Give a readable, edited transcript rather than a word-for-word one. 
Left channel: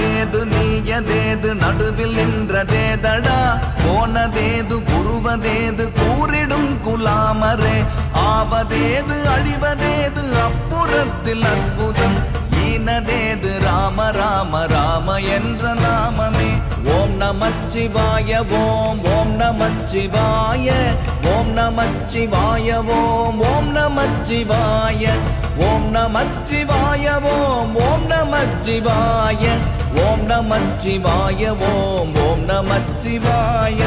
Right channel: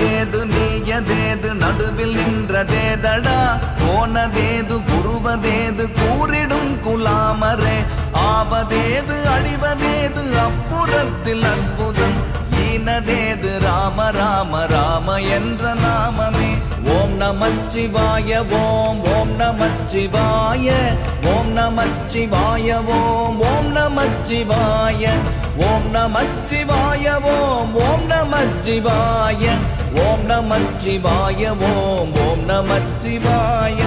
நாடேது நீயதேது நடுவில் நின்றதேதடா போனதேது புருவதேது கூறிடும் குலாமரே ஆவதேது அழிவதேது அப்புறத்தில் அற்புதம் ஈனதேது ராம ராம ராம என்ற நாமமே ஓம் நமச்சிவாய ஓம் ஓம் நமச்சிவாய ஓம் நமச்சிவாய ஓம் ஓம் நமச்சிவாய ஓம் நமச்சிவாய ஓம் ஓம் நமச்சிவாய ஓம் நமச்சிவாய ஓம் ஓம் நமச்சிவாய